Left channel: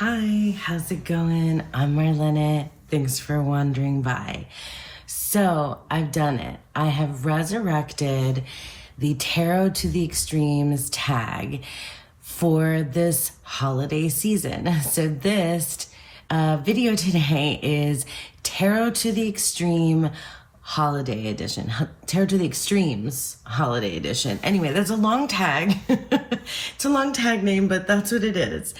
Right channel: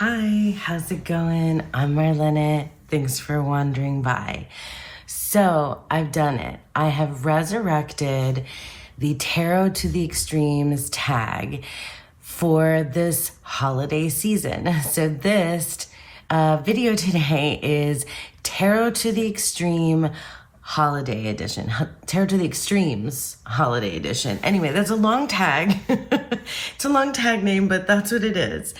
Hi, how's it going? I'm Marlene. Thanks for wandering by. So I've done it. I have resurrected the Tarot to the Extremes tag for this holiday season. So this video today is Tarot to the Extreme Holiday Edition. Tarot to the Extremes Holiday Edition. Anyway, that's a long tag. It's a long tag name, but that's what it is.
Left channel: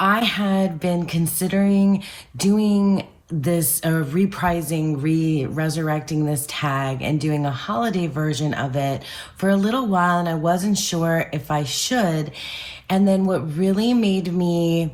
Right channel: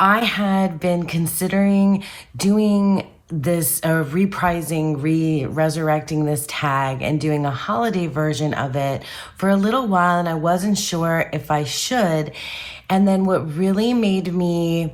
I had been considering doing this, resurrecting this tag and doing a holiday version of it for a little while, and I wasn't sure if I should. And then what really made me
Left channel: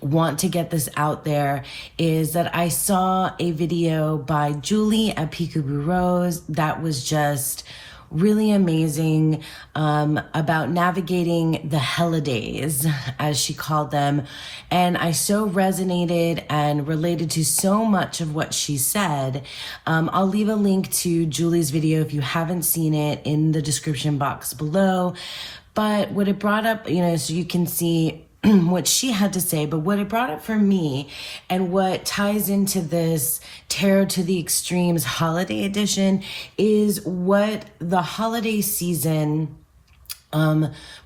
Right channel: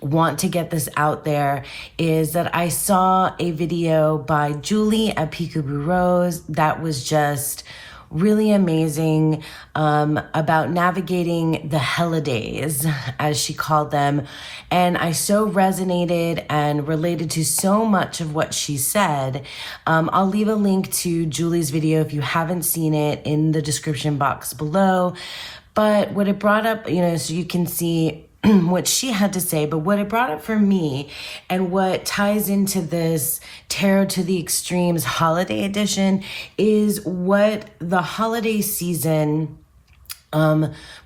want to get this out there is that I saw a video by Julie at Peekaboo Rose that was just really amazing, about navigating the holidays, as she called them. And I so resonated and related to so much of what she said. I'll leave a link to Julie's video if you haven't seen it in the description box below. But what it brought up, so you can see what she had to say, but what it brought up for me and what ties into this Tarot to the Extremes holiday edition is what the holiday season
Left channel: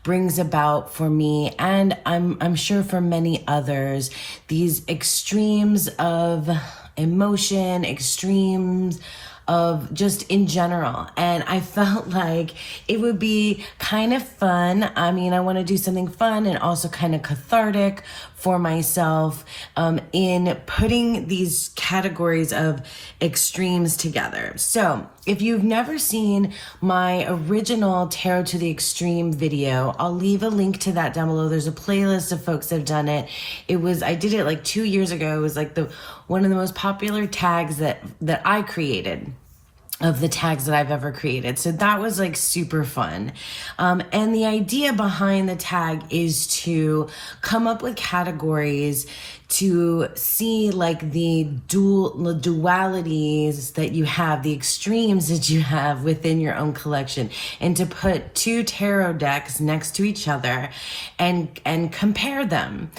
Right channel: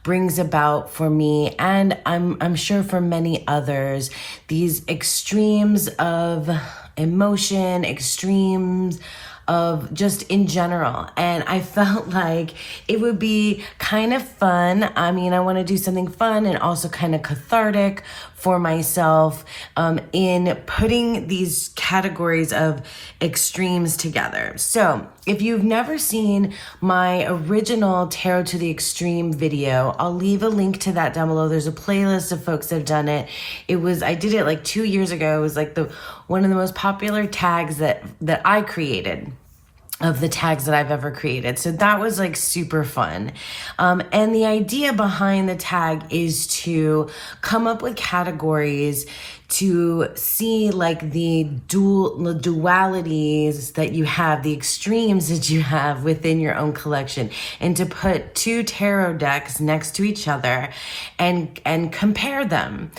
brings about for me, and I'm sure for many others, these extremes of emotion, extremes of just in general. And I felt like it would be kind of fun. I mean, I want to do something fun and also kind of cathartic for myself in putting these categories of extremes together. So if you've never seen my original Tarot to the Extreme video, I'll leave a link to that down below. There's a playlist of folks that have done it. I did it like 2 years ago. It was like one of the most popular tags that I created, of the tags that I've ever created. So that was like super fun. And the idea behind the tag is to come up with categories to see like the dualities that you have, the extremes that you have within your own collection, and to put two tarot decks next to each other and compare them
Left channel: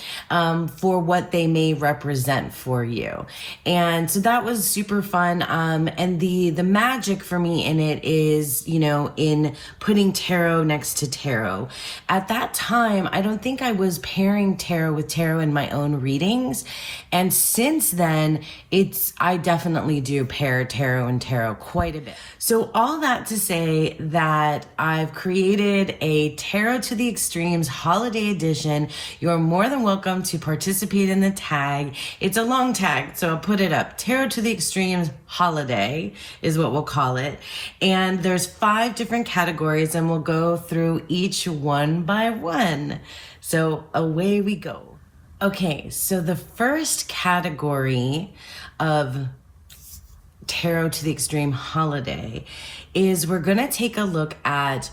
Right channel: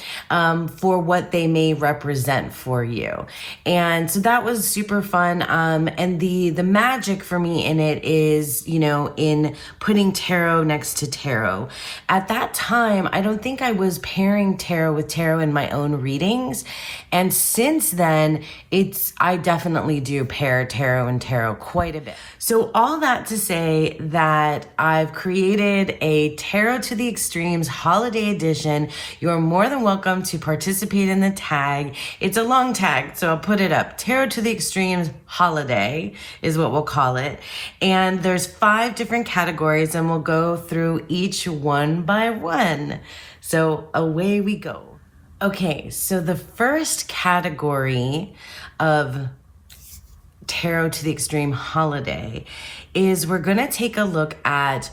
for what they may represent for you. And so that was super fun. And the magic for me in it is, in putting tarot next to tarot. At that time, I don't think I was pairing tarot with tarot in my own readings. And since then, I definitely do pair tarot and tarot quite a bit. So all that to say that I've created a Tarot to the Extremes holiday edition. You're more than welcome to participate in the tag. It's a long tag, so I'll put it up. Tarot to the Extremes holiday is what we'll call it. And there's 5 different categories, and we'll go through each one by one. So away we go. Okay, so the first category of Tarot to the Extreme holiday is we're going to take a look at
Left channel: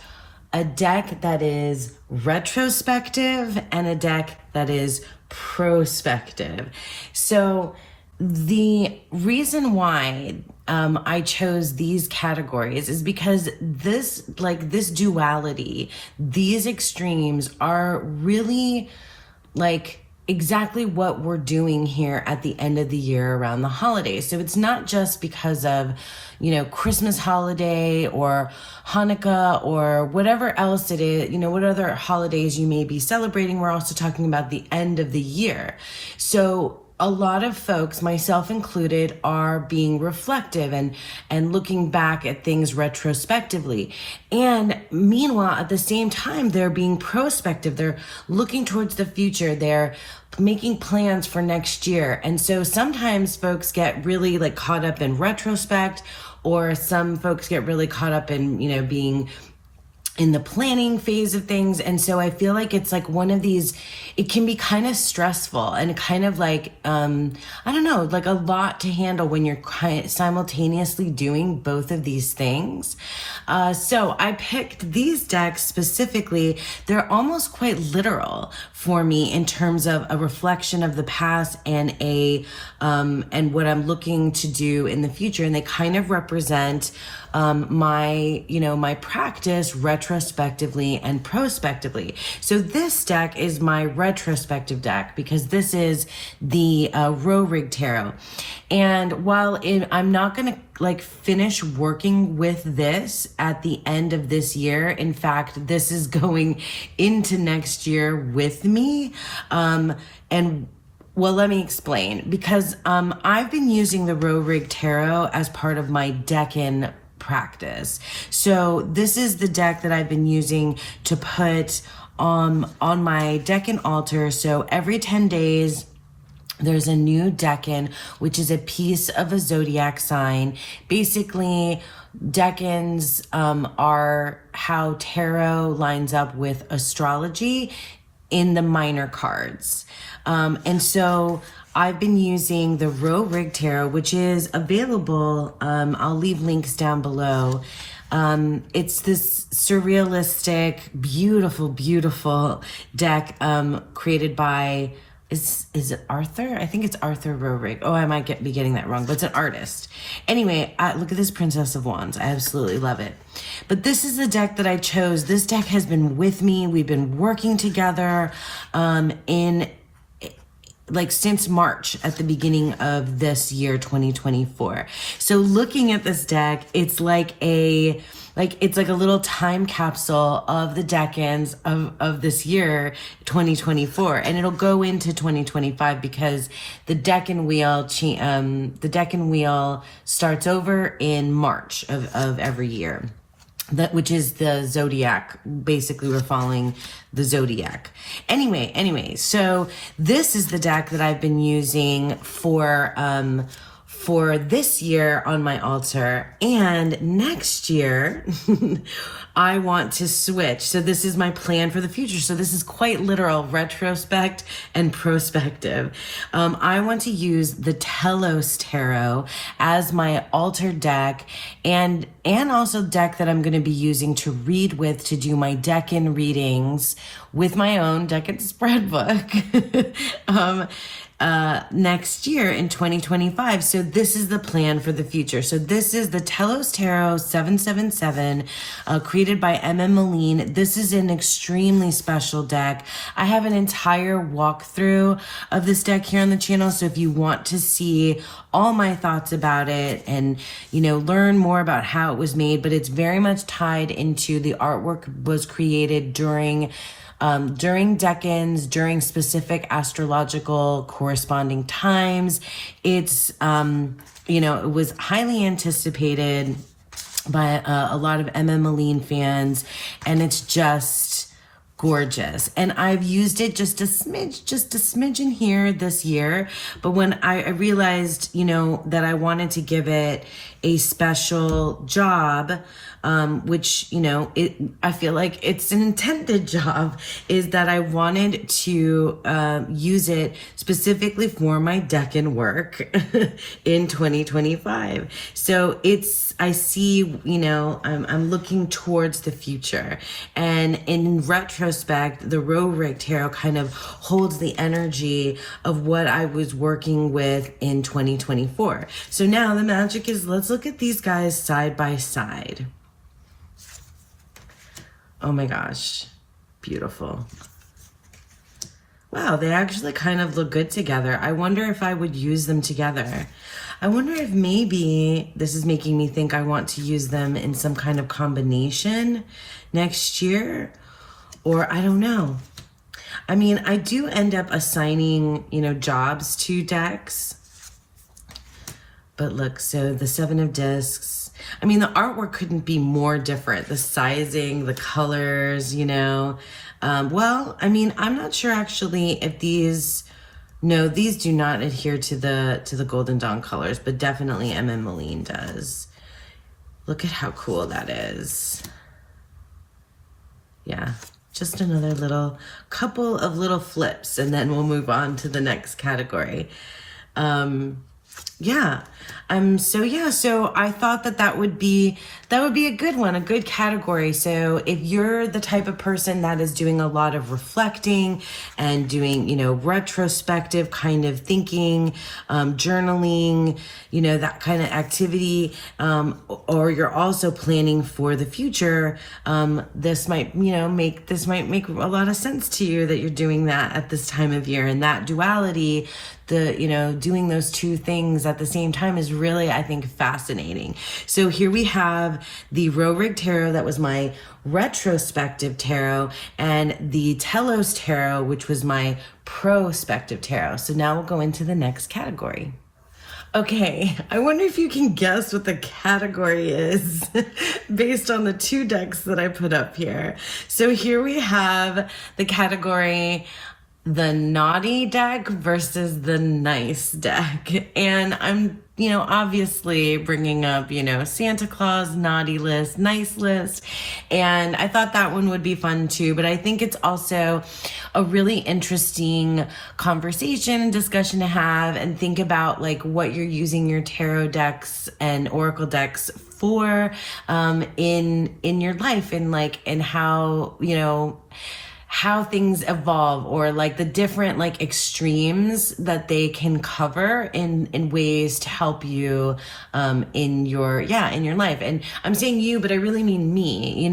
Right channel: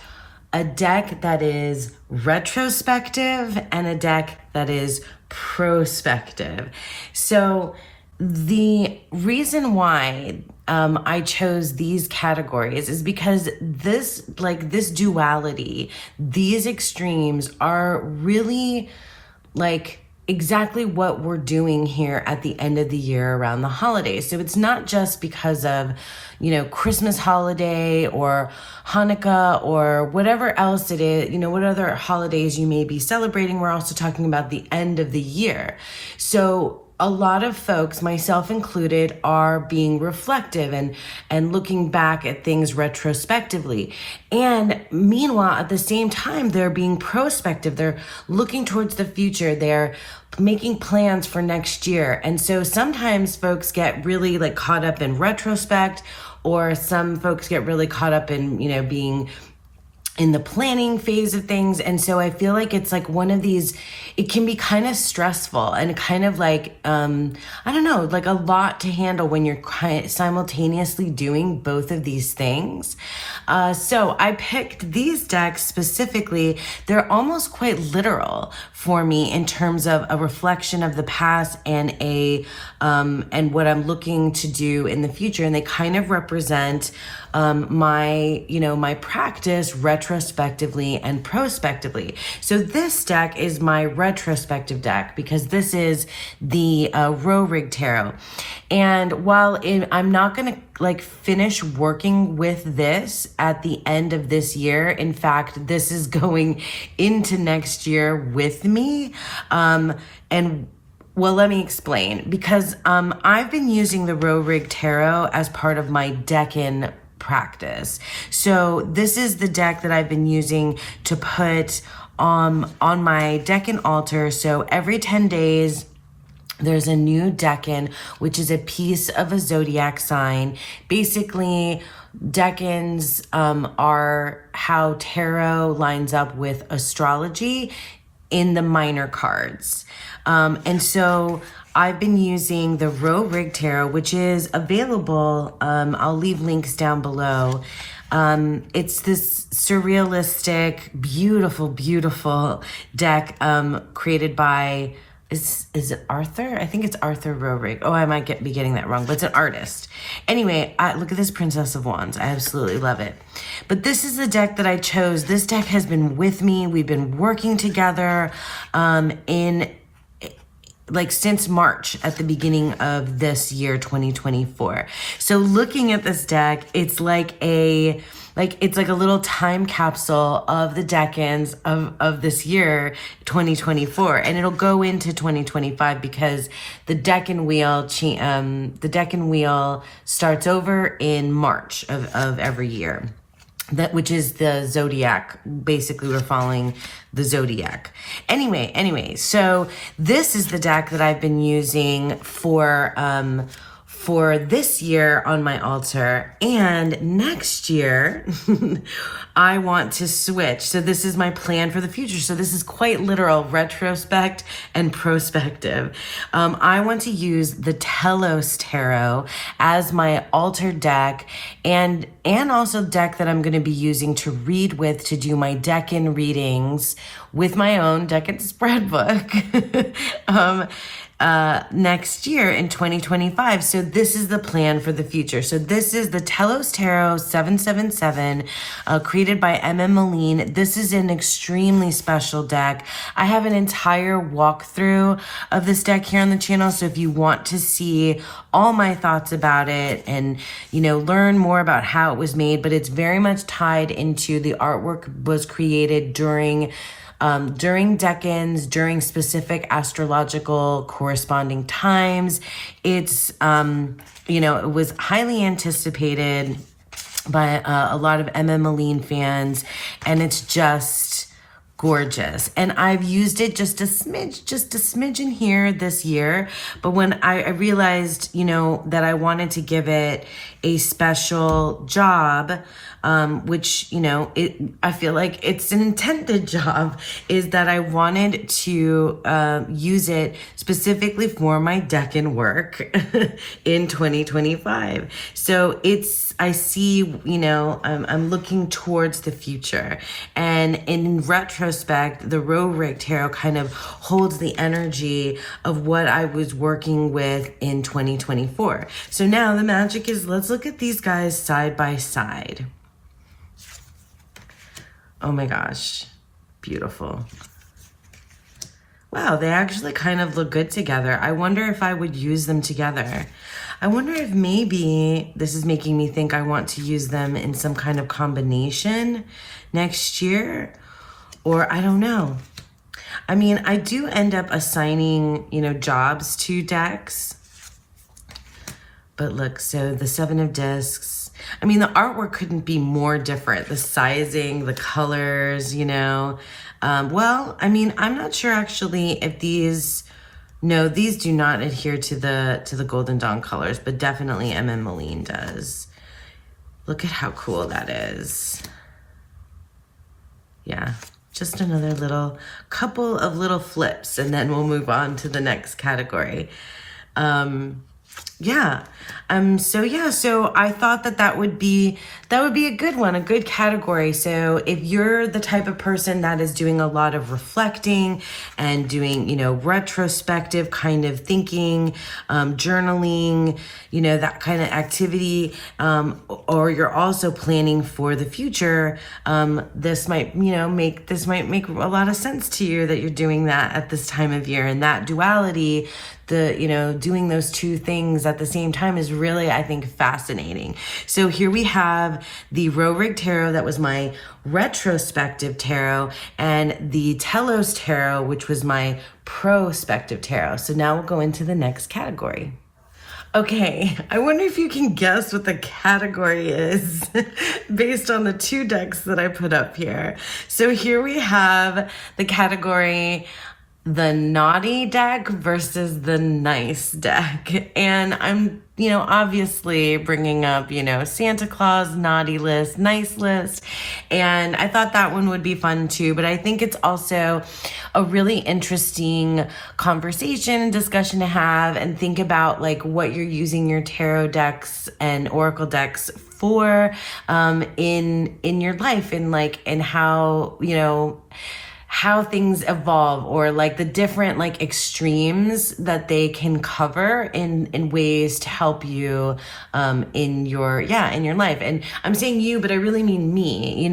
a deck that is retrospective and a deck that is prospective. So the reason why I chose these categories is because this duality, these extremes are really like exactly what we're doing here at the end of the year around the holidays. So it's not just because of, Christmas holiday or Hanukkah or whatever else it is, what other holidays you may be celebrating. We're also talking about the end of the year. So a lot of folks, myself included, are being reflective and looking back at things retrospectively. And meanwhile, at the same time, they're being prospective. They're looking towards the future. They're making plans for next year. And so sometimes folks get really like caught up in retrospect, or some folks get really caught up in, being in the planning phase of things. And so I feel like it's like one of these, it can be kind of stressful and kind of like, like a lot to handle when you're simultaneously doing both of these things. So I picked these decks specifically. They're almost quite literal for me in terms of a reflection of the past and and what I'm looking to do in the future. And they kind of represent my practice retrospectively and prospectively. So this deck is my retrospective deck because this is the Rorig Tarot. And while I'm not going to like finish working with this at the end of this year, in fact, this is going into next year with me. And well, let me explain, because I've been using the Rorig Tarot as part of my deck-in practice. So this is the deck that I've been using to put on my deck-in altar. So every 10 days, there's a new deck-in, which is a piece of a zodiac sign. Basically, deck-ins are how tarot lines up with astrology in the minor cards. And so I've been using the Rorig Tarot, which is available. I'll leave links down below. It's this surrealistic, beautiful, beautiful deck created by... Is it Arthur? I think it's Arthur Rorig. Oh, I might be getting that wrong, but it's an artist. Anyway, look at this Princess of Wands. I absolutely love it. But this is the deck that I chose. This deck has been with me. We've been working together since March at the beginning of this year, 2024. So looking at this deck, it's like a little time capsule of the deck-ins of this year, 2024, and it'll go into 2025 because the deck-in wheel starts over in March of every year. Which is the zodiac. Basically, we're following the zodiac. Anyway, so this is the deck that I've been using for this year on my altar, and next year I want to switch. So this is my plan for the future. So this is quite literal, retrospect and prospective. I want to use the Telos Tarot as my altar deck, and also deck that I'm going to be using to read with, to do my deck-in readings with my own deck-in spread book. Next year in 2025. So this is the plan for the future. So this is the Telos Tarot 777, created by M.M. Moline. This is an extremely special deck. I have an entire walkthrough of this deck here on the channel. So if you want to see all my thoughts about it and, learn more about how it was made, but it's very much tied into the artwork was created during deck-ins, during specific astrological corresponding times. It's, it was highly anticipated by a lot of M.M. Moline fans, and it's just gorgeous. And I've used it just a smidgen here this year. But when I realized, that I wanted to give it a special job, which, I feel like it's an intended job, is that I wanted to use it specifically for my deck-in work in 2025. So I see, I'm looking towards the future. And in retrospect, the Rorig Tarot kind of holds the energy of what I was working with in 2024. So now the magic is, let's look at these guys side by side. Oh my gosh, beautiful. Wow, they actually kind of look good together. I wonder if I would use them together. I wonder if maybe this is making me think I want to use them in some kind of combination next year, or I don't know. I mean, I do end up assigning, jobs to decks. But look, so the Seven of Discs, I mean, the artwork couldn't be more different. The sizing, the colors, well, I mean, I'm not sure actually if these do not adhere to the Golden Dawn colors, but definitely M.M. Moline does. Look at how cool that is. Yeah, just another couple of little flips, and then we'll move on to the next category. So I thought that would be That would be a good one, a good category. So if you're the type of person that is doing a lot of reflecting and doing, retrospective kind of thinking, journaling, that kind of activity, or you're also planning for the future, this might make a lot of sense to you that you're doing that at this time of year. And that duality, doing those two things at the same time is really, I think, fascinating. So here we have the Rorig Tarot, that was my retrospective tarot, and the Telos Tarot, which was my prospective tarot. So now we'll go into the next category. Okay, I wonder if you can guess what the category is based on the two decks that I put up here. So here we have the category, the naughty deck versus the nice deck. And I'm, obviously bringing up, Santa Claus, naughty list, nice list. And I thought that one would be fun too, but I think it's also a really interesting conversation and discussion to have, and think about like what you're using your tarot decks and oracle decks for in your life, and how things evolve, or like the different like extremes that they can cover in ways to help you in your life. And I'm saying you, but I really mean me.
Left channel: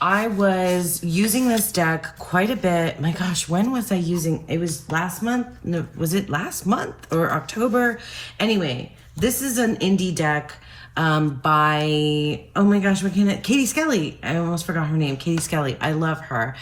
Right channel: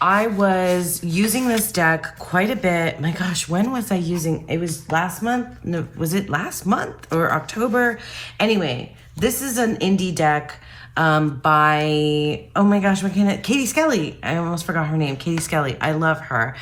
I was using this deck quite a bit. My gosh, when was I using it? Was last month? No, was it last month or October? Anyway, this is an indie deck by, oh my gosh, Katie Skelly. I almost forgot her name. Katie Skelly. I love her.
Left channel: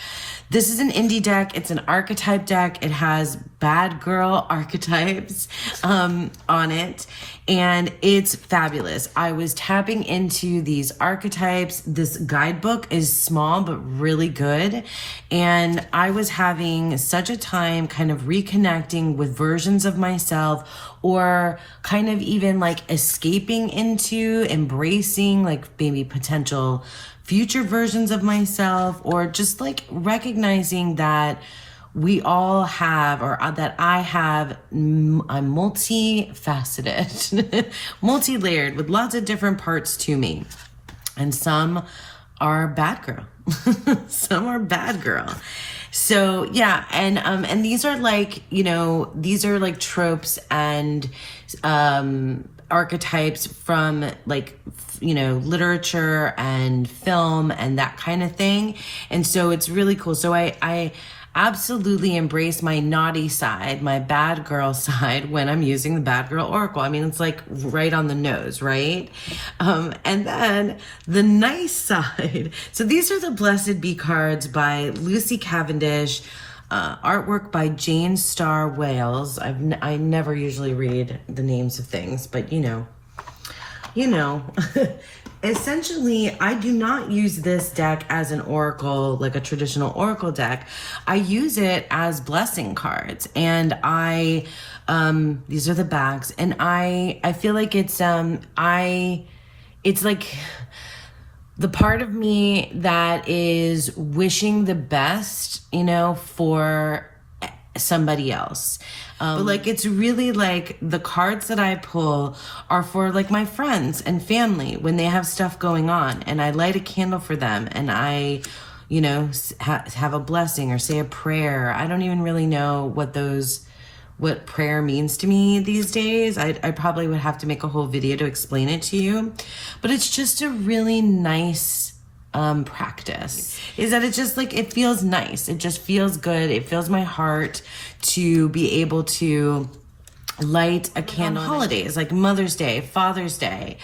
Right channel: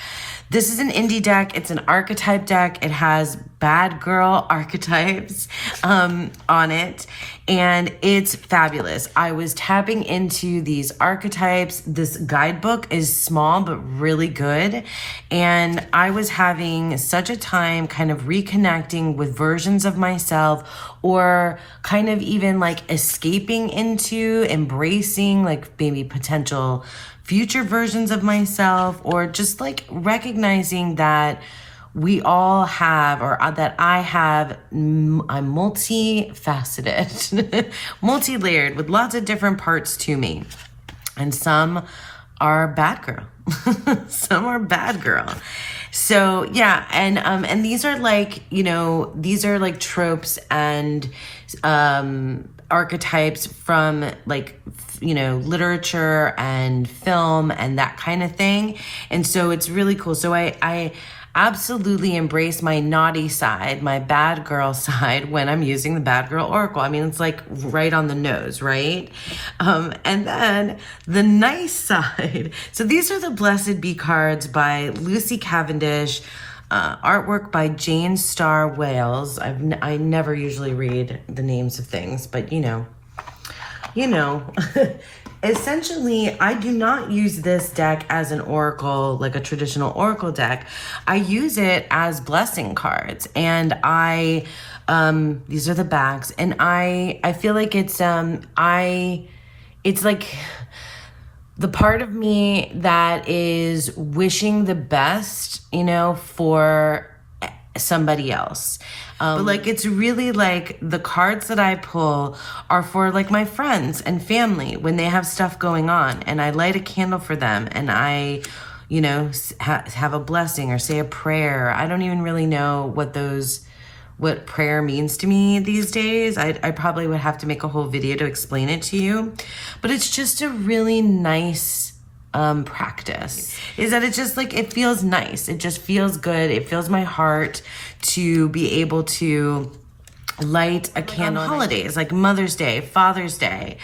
This is an indie deck. It's an archetype deck. It has bad girl archetypes on it, and it's fabulous. I was tapping into these archetypes. This guidebook is small but really good, and I was having such a time kind of reconnecting with versions of myself, or kind of even like escaping into, embracing like maybe potential future versions of myself, or just like recognizing that we all have, or that I have, I'm multifaceted, multi-layered with lots of different parts to me. And some are bad girl, some are bad girl. So yeah, and these are like, these are like tropes and archetypes from like, literature and film and that kind of thing. And so it's really cool. So I absolutely embrace my naughty side, my bad girl side, when I'm using the bad girl oracle. I mean, it's like right on the nose, right? And then the nice side. So these are the Blessed Be cards by Lucy Cavendish, artwork by Jane Starr Wales. I never usually read the names of things, but essentially, I do not use this deck as an oracle, like a traditional oracle deck. I use it as blessing cards, and these are the backs, and I feel like it's like the part of me that is wishing the best, for somebody else. But like, it's really like the cards that I pull are for like my friends and family when they have stuff going on, and I light a candle for them, and I, have a blessing or say a prayer. I don't even really know what prayer means to me these days. I probably would have to make a whole video to explain it to you, but it's just a really nice practice. Is that it just like, it feels nice. It just feels good. It fills my heart to be able to light a candle on holidays like Mother's Day, Father's Day,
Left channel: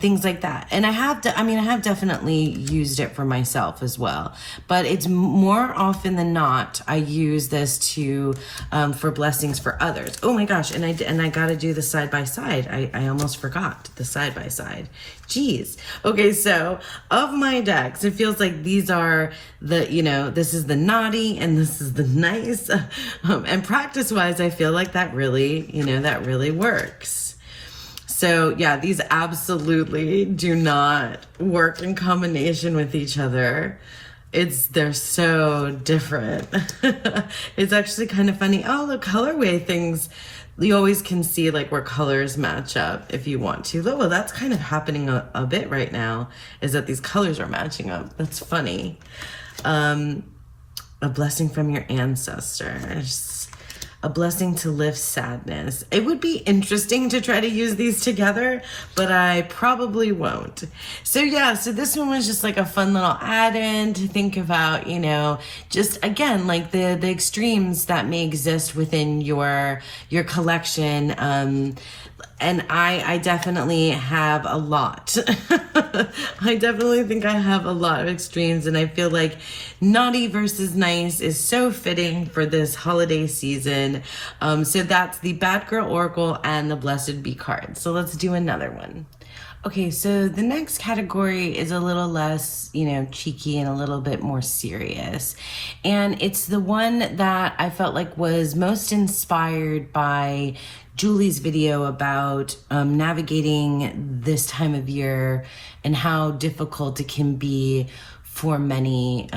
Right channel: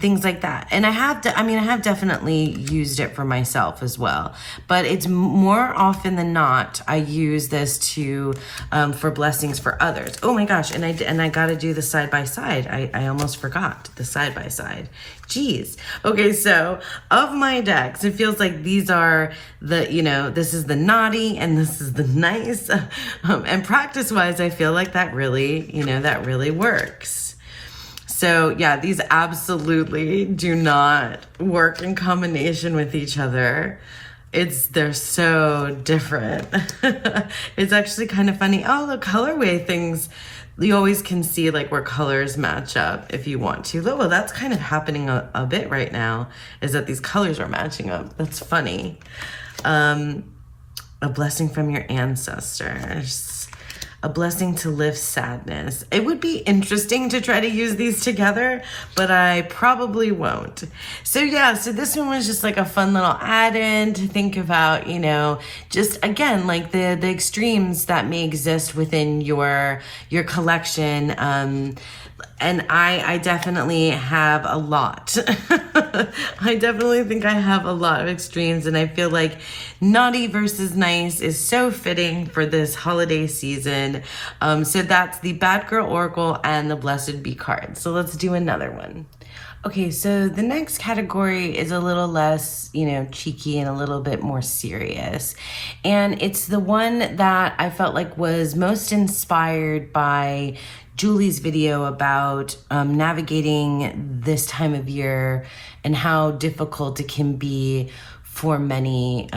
things like that. And I have definitely used it for myself as well, but it's more often than not, I use this to, for blessings for others. Oh my gosh. And I got to do the side by side. I almost forgot the side by side. Jeez. Okay. So of my decks, it feels like these are the, this is the naughty and this is the nice, and practice wise, I feel like that really, that really works. So yeah, these absolutely do not work in combination with each other. They're so different. It's actually kind of funny. Oh, the colorway things you always can see like where colors match up if you want to. Well, that's kind of happening a bit right now, is that these colors are matching up. That's funny. A blessing from your ancestors. A blessing to lift sadness. It would be interesting to try to use these together, but I probably won't. So yeah, so this one was just like a fun little add-in to think about, you know, just again, like the extremes that may exist within your collection. And I definitely have a lot. I definitely think I have a lot of extremes, and I feel like naughty versus nice is so fitting for this holiday season. So that's the Bad Girl Oracle and the Blessed Bee card. So let's do another one. Okay, so the next category is a little less, you know, cheeky and a little bit more serious. And it's the one that I felt like was most inspired by Julie's video about navigating this time of year and how difficult it can be for many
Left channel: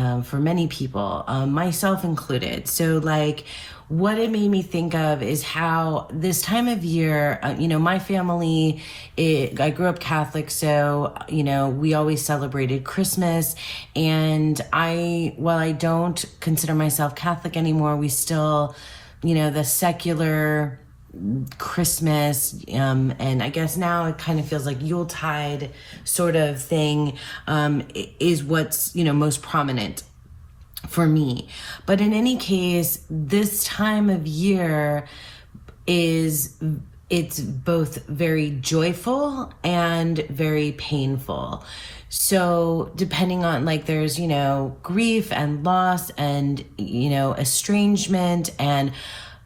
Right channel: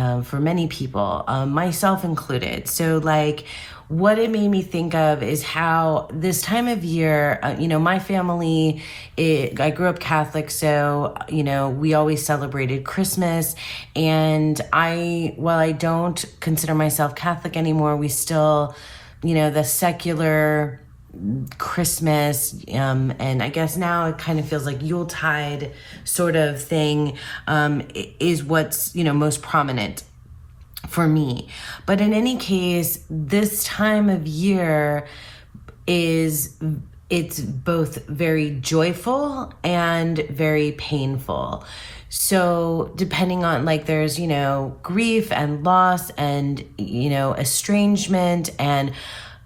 people, myself included. So like what it made me think of is how this time of year, you know, my family, I grew up Catholic, so, you know, we always celebrated Christmas. And while I don't consider myself Catholic anymore, we still, you know, the secular Christmas, and I guess now it kind of feels like Yuletide sort of thing, is what's, you know, most prominent for me. But in any case, this time of year it's both very joyful and very painful. So depending on, like, there's, you know, grief and loss and, you know, estrangement, and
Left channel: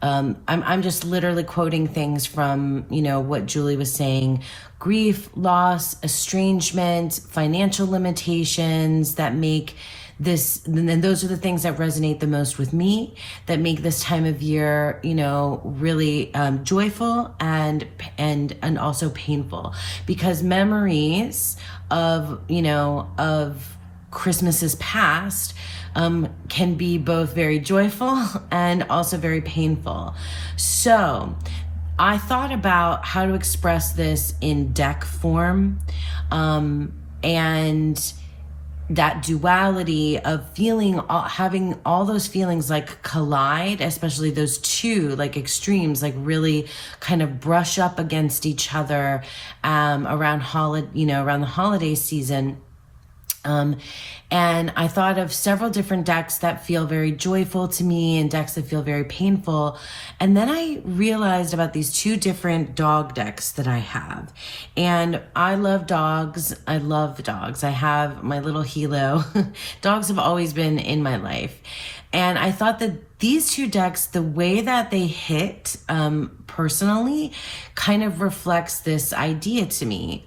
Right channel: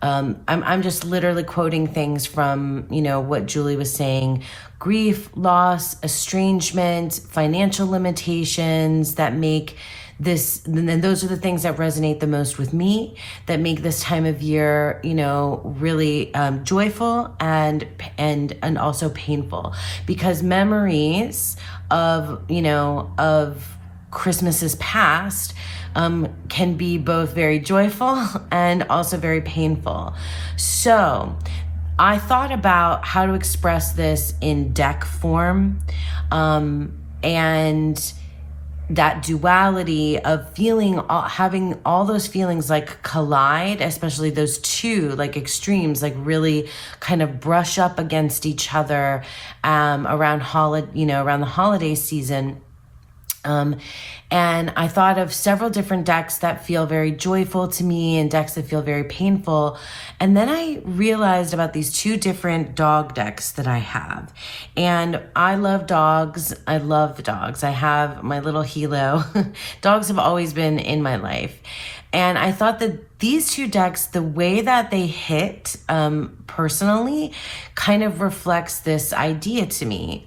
I'm just literally quoting things from, you know, what Julie was saying. Grief, loss, estrangement, financial limitations that make this, and those are the things that resonate the most with me, that make this time of year, you know, really joyful and also painful, because memories of, you know, of Christmases past can be both very joyful and also very painful. So I thought about how to express this in deck form, and that duality of having all those feelings like collide, especially those two like extremes, like really kind of brush up against each other around the holiday season. And I thought of several different decks that feel very joyful to me and decks that feel very painful. And then I realized about these two different dog decks that I have. And I love dogs. I love dogs. I have my little Hilo. Dogs have always been in my life. And I thought that these two decks, the way that they hit personally, kind of reflects this idea to me.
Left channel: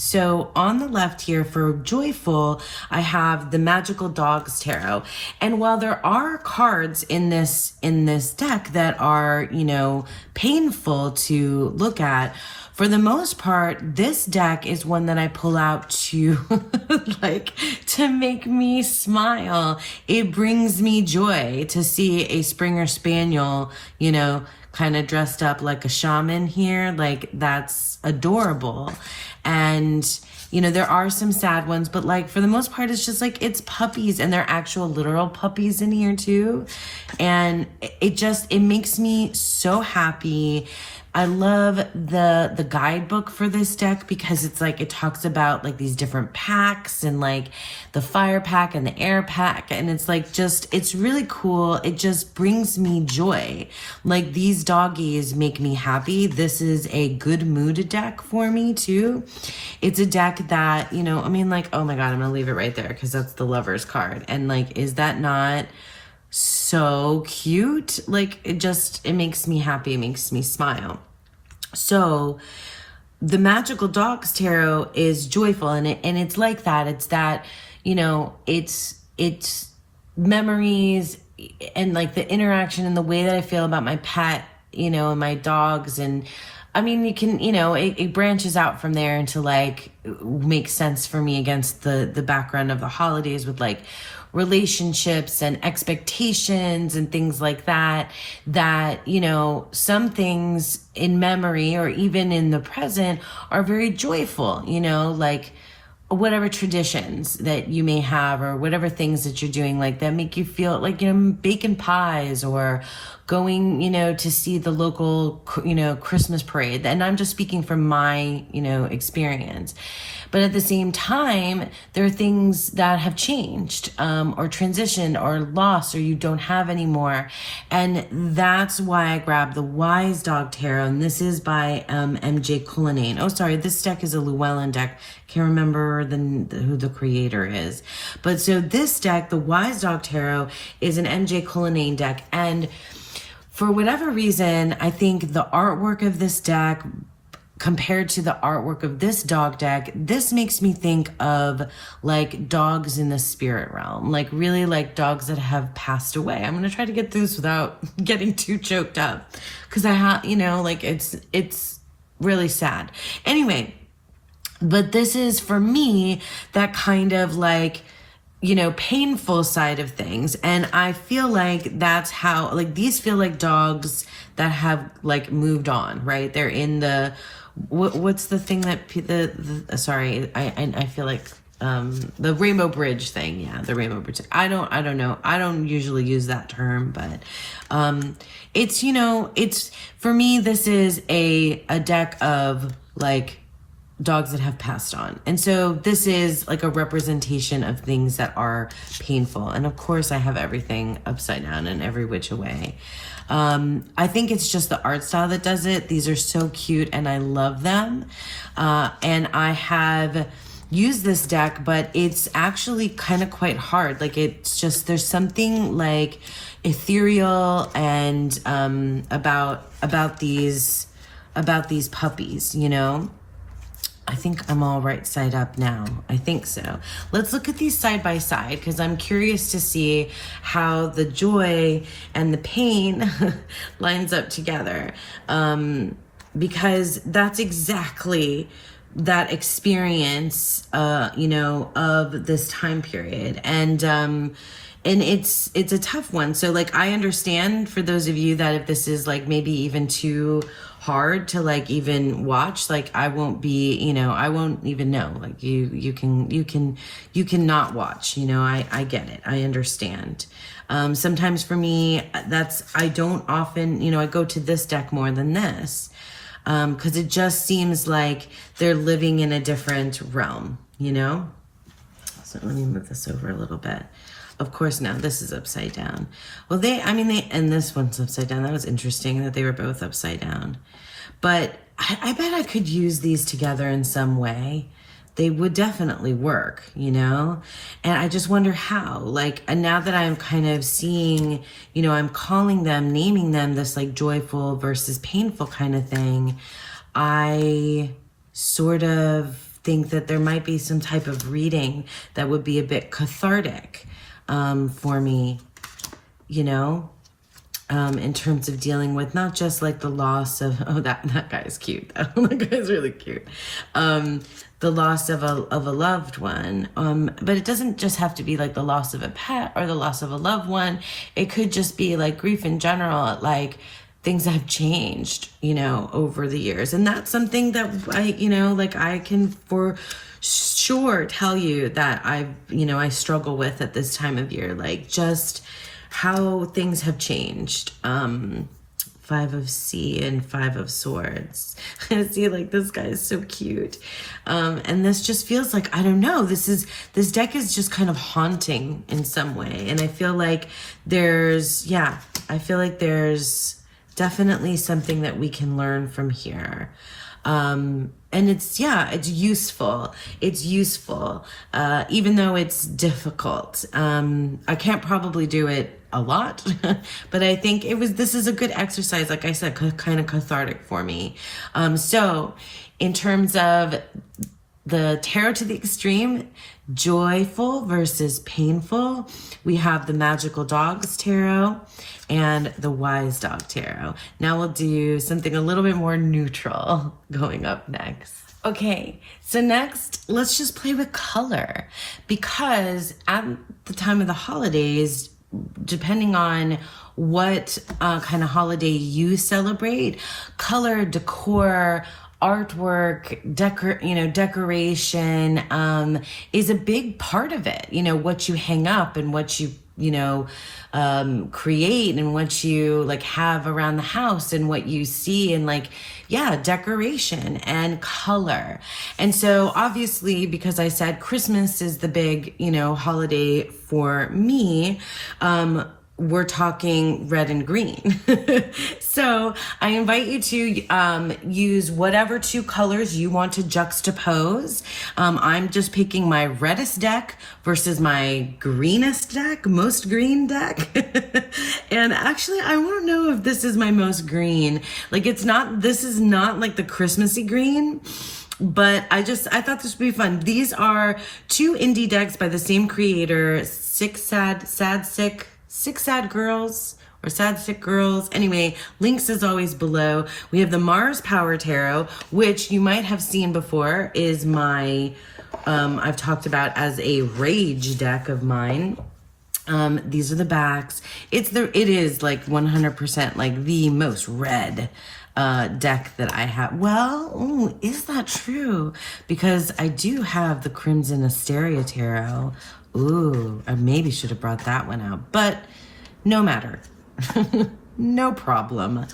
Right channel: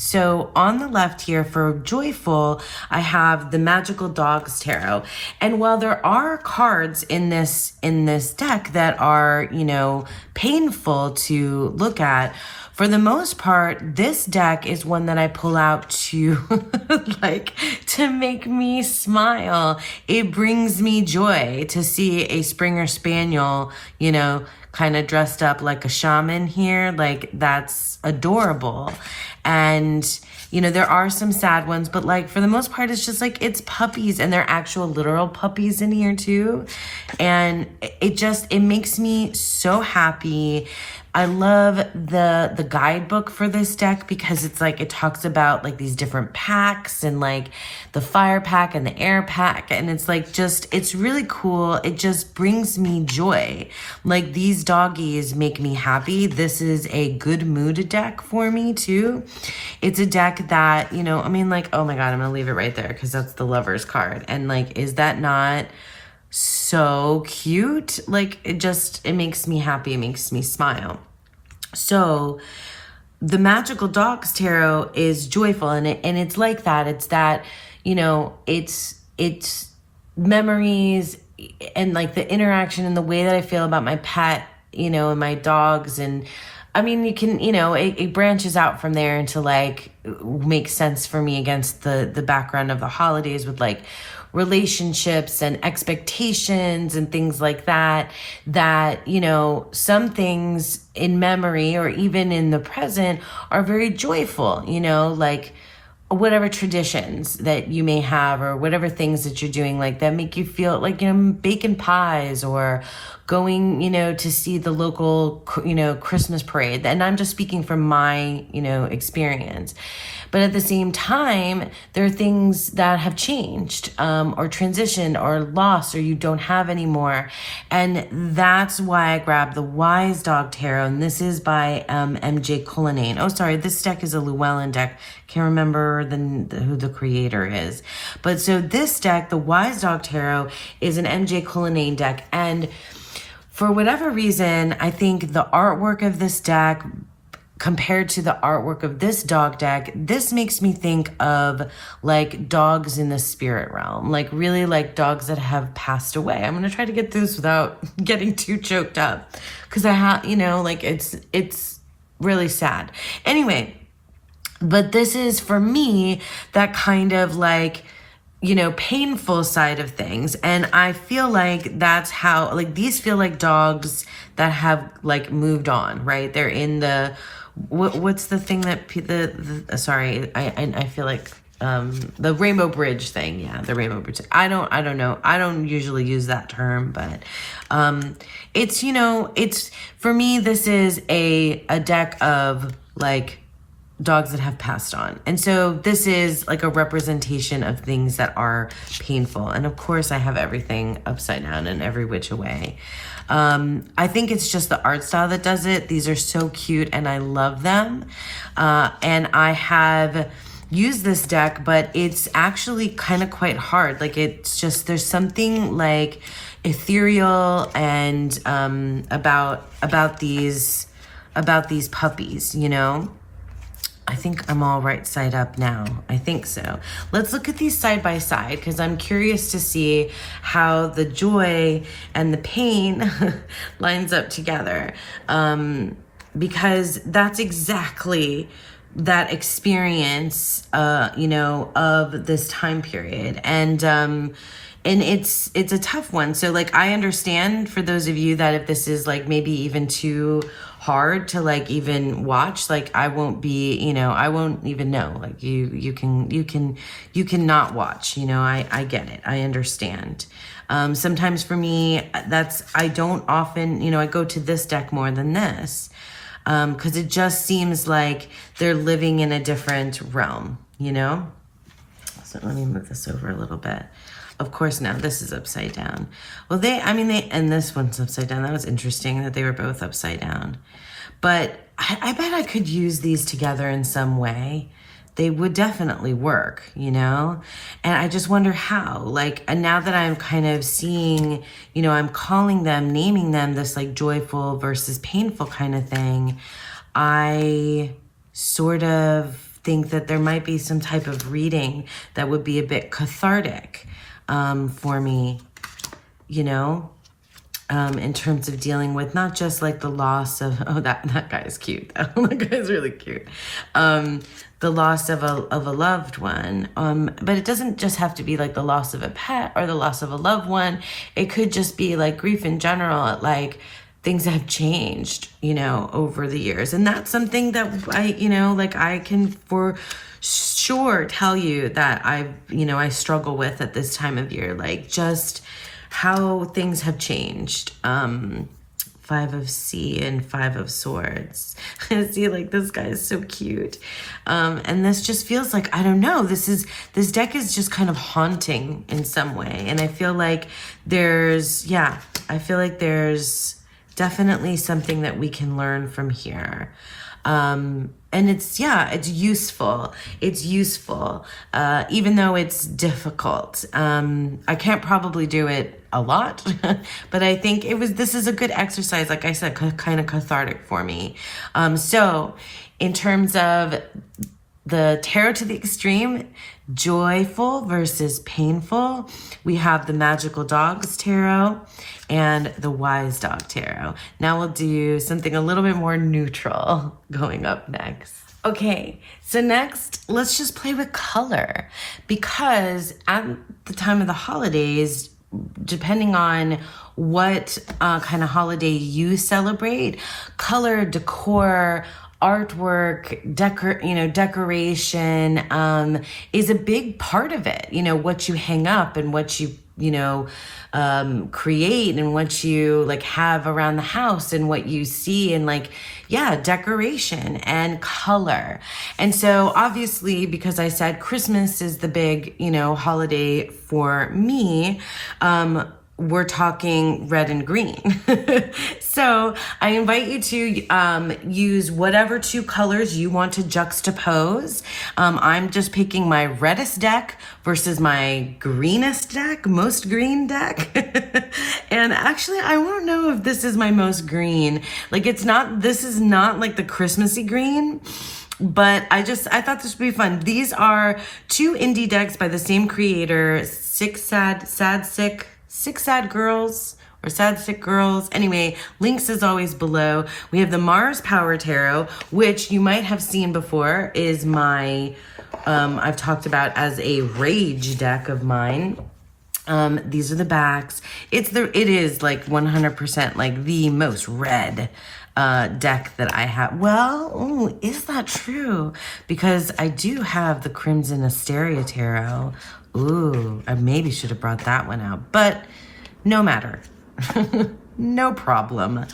So on the left here for joyful, I have the Magical Dogs Tarot. And while there are cards in this deck that are, you know, painful to look at, for the most part, this deck is one that I pull out to to make me smile. It brings me joy to see a Springer Spaniel, you know, kind of dressed up like a shaman here. Like, that's adorable. And, you know, there are some sad ones, but like for the most part, it's just like, it's puppies, and they're actual literal puppies in here too. And it makes me so happy. I love the guidebook for this deck, because it's like, it talks about like these different packs, and like the fire pack and the air pack. And it's like, it's really cool. It just brings me joy. Like, these doggies make me happy. This is a good mood deck for me too. It's a deck that, you know, I mean, like, oh my God, I'm gonna leave it right there, because that's the Lover's card. And like, is that not so cute? Like, it makes me happy. It makes me smile. So the Magical Dogs Tarot is joyful, and it's like that. It's that, you know, it's memories and like the interaction and the way that I feel about my pet, you know, and my dogs. And I mean, you can, you know, it branches out from there into like, make sense for me against the background of the holidays with like relationships and expectations and things like that, that, you know, some things in memory or even in the present are very joyful, you know, like whatever traditions that you may have or whatever things that you're doing like that make you feel like, you know, baking pies or going, you know, to see the local, you know, Christmas parade. And I'm just speaking from my, you know, experience. But at the same time, there are things that have changed or transitioned or lost or you don't have anymore. And that's why I grabbed the Wise Dog Tarot. And this is by MJ Cullinane. Oh, sorry, this deck is a Llewellyn deck. Can't remember who the creator is. But so this deck, the Wise Dog Tarot, is an MJ Cullinane deck. And for whatever reason, I think the artwork of this deck compared to the artwork of this dog deck, this makes me think of like dogs in the spirit realm, like really like dogs that have passed away. I'm going to try to get this without getting too choked up because I have, you know, like it's really sad. Anyway, but this is for me that kind of like, you know, painful side of things. And I feel like that's how, like, these feel like dogs that have like moved on, right? They're in the, what's the thing that sorry, I feel like the Rainbow Bridge thing. Yeah, the Rainbow Bridge. I don't know. I don't usually use that term, but it's, you know, it's, for me, this is a deck of like dogs that have passed on. And so this is like a representation of things that are painful. And of course I have everything upside down in every which way. I think it's just the art style that does it. These are so cute and I love them. And I have used this deck, but it's actually kind of quite hard. Like it's just, there's something like ethereal and about these puppies, you know? I think I'm all right side up now. I think so. Let's look at these side by side because I'm curious to see how the joy and the pain lines up together. Because that's exactly that experience, you know, of this time period. And it's a tough one. So like, I understand for those of you that if this is like maybe even too hard to like even watch, like I won't be, you know, I won't even know, like you can not watch, you know, I get it. I understand. Sometimes for me, I don't often, you know, I go to this deck more than this, cause it just seems like they're living in a different realm, you know? So let me move this over a little bit. Of course, now this is upside down. Well, and this one's upside down. That was interesting that they were both upside down. But I bet I could use these together in some way. They would definitely work, you know? And I just wonder how. Like, and now that I'm kind of seeing, you know, I'm calling them, naming them this like joyful versus painful kind of thing, I sort of think that there might be some type of reading that would be a bit cathartic for me, you know, in terms of dealing with not just like the loss of, oh, that guy is cute though. That guy's really cute. The loss of a loved one. But it doesn't just have to be like the loss of a pet or the loss of a loved one. It could just be like grief in general, like things that have changed, you know, over the years. And that's something that I can for sure tell you that I struggle with at this time of year, like just how things have changed. 5 of C and 5 of Swords. I see, like, this guy is so cute. And this just feels like, I don't know, this deck is just kind of haunting in some way. And I feel like there's definitely something that we can learn from here. And it's useful. It's useful, even though it's difficult. I can't probably do it a lot, but I think this is a good exercise. Like I said, kind of cathartic for me. So in terms of the tarot to the extreme, joyful versus painful, we have the Magical Dogs Tarot and the Wise Dog Tarot. Now we'll do something a little bit more neutral going up next. Okay, So next, let's just play with color, because at the time of the holidays, depending on what kind of holiday you celebrate, color, decor, artwork, decoration is a big part of it. You know, what you hang up and what you create and what you like have around the house and what you see and like, yeah, decoration and color. And so obviously, because I said Christmas is the big, holiday for me, we're talking red and green. So I invite you to use whatever two colors you want to juxtapose. I'm just picking my reddest deck versus my greenest deck, most green deck. And actually, I want to know if this is my most green. Like this is not like the Christmassy green. But I thought this would be fun. These are two indie decks by the same creator, Six Sad Girls or Sad Sick Girls. Anyway, links as always below. We have the Mars Power Tarot, which you might have seen before, is my, I've talked about as a rage deck of mine. These are the backs. It is like 100% like the most red deck that I have. Well, is that true? Because I do have the Crimson Asteria Tarot. Ooh, I maybe should have brought that one out, but no matter. No problem.